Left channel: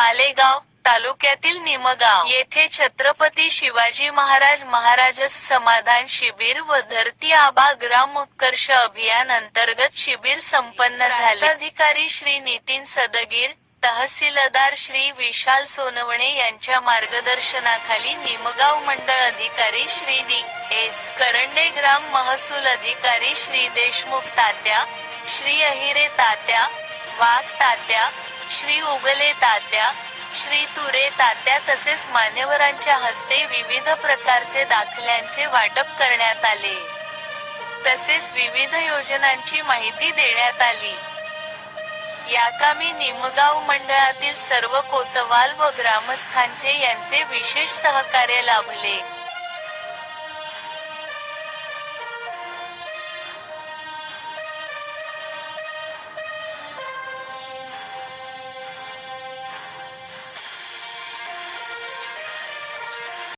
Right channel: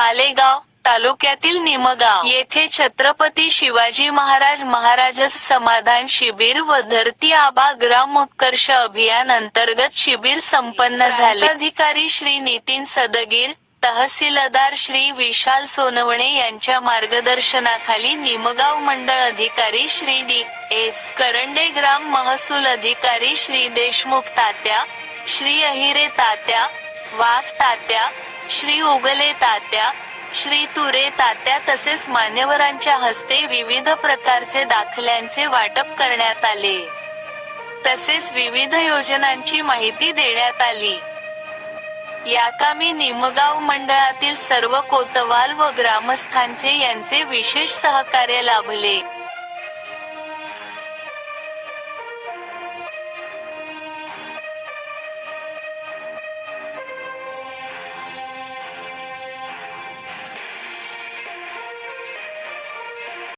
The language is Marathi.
मालेगाव तालुक्यातील निमगाव येथे छत्रपती शिवाजी महाराज समाधान शिबिर व धरती आबा ग्राम उत्कर्ष अभियान अंतर्गत शिबिर संपन्न झाले. अधिकारी श्री नितीन सदगीर, तहसीलदार श्री विशाल सोनवणे यांच्या मार्गदर्शनाखाली निमगाव मंडळ अधिकारी श्री डी.एस. करंडे, ग्राम महसूल अधिकारी श्री देशमुख तात्या, श्री अहिरे तात्या, वाघ तात्या, श्री उगले तात्या, श्री तुरे तात्या तसेच मान्यवरांच्या हस्ते विविध प्रकारचे दाखल्यांचे वाटप करण्यात आले. तसेच विविध योजनांची माहिती देण्यात आली. याकामी निमगाव मंडळातील सर्व कोतवाल व ग्रामस्थांचे यांचे विशेष सहकार्य लाभले.